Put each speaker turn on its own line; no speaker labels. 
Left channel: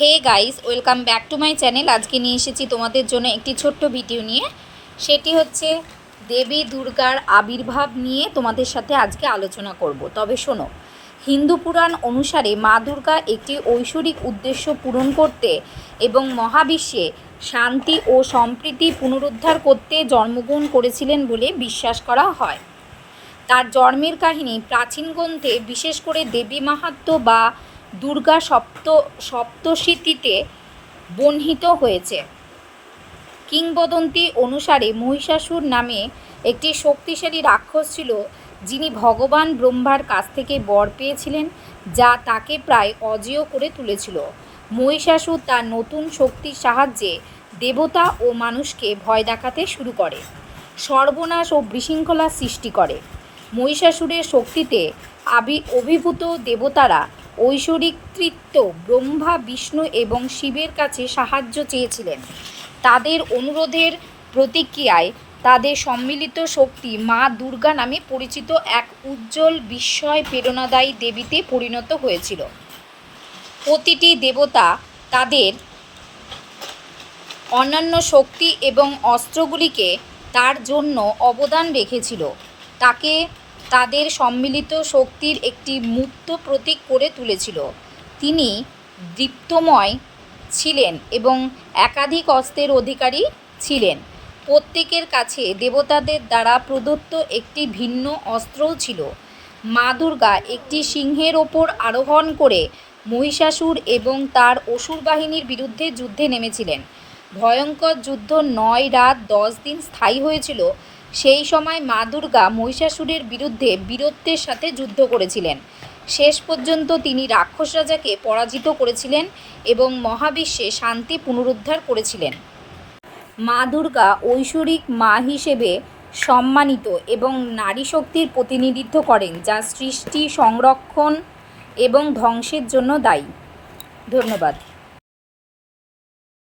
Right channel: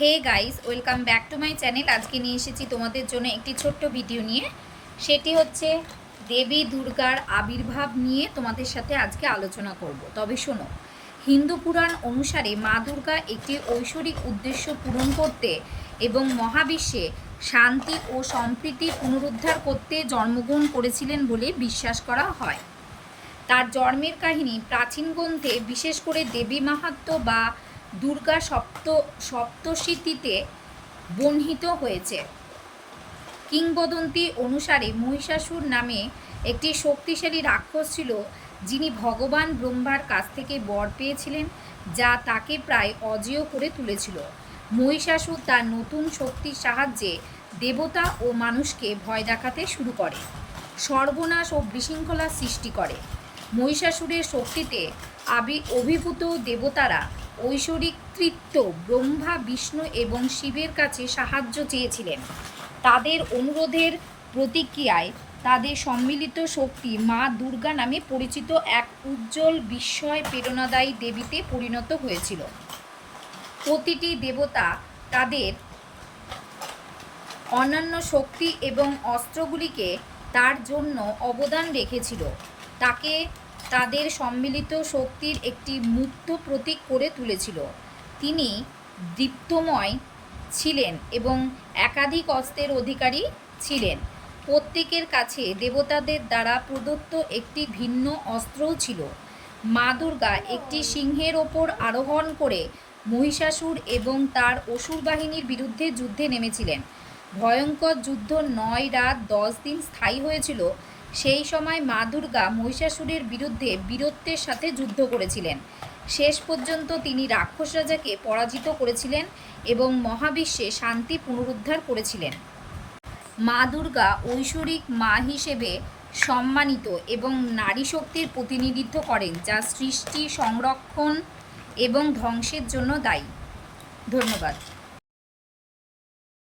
Hey guys, welcome back to my channel. আজকে নিয়ে এসেছি তোমাদের জন্য একটি ছোট্ট ভিডিও নিয়ে। সেটি হচ্ছে দেবী দুর্গার আবির্ভাব নিয়ে তোমাদের সাথে আজকে আলোচনা করব। তবে শোনো, হিন্দু পুরাণ অনুসারে মা দুর্গা একটি ঐশ্বরিক উদ্দেশ্য পূরণ করতে এবং মহাবিশ্বে শান্তি ও সম্প্রীতি পুনরুদ্ধার করতে জন্মগ্রহণ করেছিলেন বলে বিশ্বাস করা হয়। তার জন্মের কাহিনী প্রাচীন গ্রন্থে বিশেষ করে দেবী মাহাত্ম্য বা দুর্গা সপ্ত, সপ্তশীতিতে বর্ণিত হয়েছে। কিংবদন্তি অনুসারে মহিষাসুর নামে একটি শক্তিশালী রাক্ষস ছিল, যিনি ভগবান ব্রহ্মার কাছ থেকে বর পেয়েছিলেন, যা তাকে প্রায় অজেয় করে তুলেছিল। মহিষাসুর তার নতুন শক্তির সাহায্যে দেবতা ও মানুষকে ভয় দেখাতে শুরু করে, সর্বনাশ ও বিশৃঙ্খলা সৃষ্টি করে। মহিষাসুরের শক্তিতে আবি, অভিভূত দেবতারা ঐশ্বরিক তৃত্ব ব্রহ্মা, বিষ্ণু এবং শিবের কাছে সাহায্য চেয়েছিলেন। তাদের অনুরোধের প্রতিক্রিয়ায় তাদের সম্মিলিত শক্তি মা দুর্গা নামে পরিচিত এক উজ্জ্বল বিস্ময় প্রেরণাদায়ী দেবীতে পরিণত হয়েছিল। প্রতিটি দেবতা তাদের অন্যান্য শক্তি এবং অস্ত্রগুলিকে তার জন্য অবদান রেখেছিল। তাকে তাদের সম্মিলিত শক্তির একটি মুক্ত প্রতীক করে তুলেছিল। তিনি দীপ্তময় ছিলেন এবং একাধিক অস্ত্রের অধিকারী ছিলেন। প্রত্যেকের কাছে দেবতাদের দ্বারা প্রদত্ত একটি ভিন্ন অস্ত্রও ছিল। মা দুর্গা একটি সিংহের ওপর আরোহণ করে মহিষাসুর এবং তার অসুর বাহিনীর বিরুদ্ধে যুদ্ধে নেমেছিলেন। ভয়ঙ্কর যুদ্ধ নয় রাত দশ দিন স্থায়ী হয়েছিল। সেই সময় মা দুর্গা মহিষাসুরের বিরুদ্ধে বীরত্বের সাথে যুদ্ধ করেছিলেন। শেষ পর্যন্ত তিনি রাক্ষস রাজাকে পরাজিত করেছিলেন এবং মহাবিশ্বে শান্তি পুনরুদ্ধার করেছিলেন। মা দুর্গা ঐশ্বরিক মা হিসেবে সম্মানিত এবং নারী শক্তির প্রতিনিধিত্ব করেন, যা সৃষ্টি, সংরক্ষণ এবং ধ্বংসের জন্য দায়ী। ধন্যবাদ।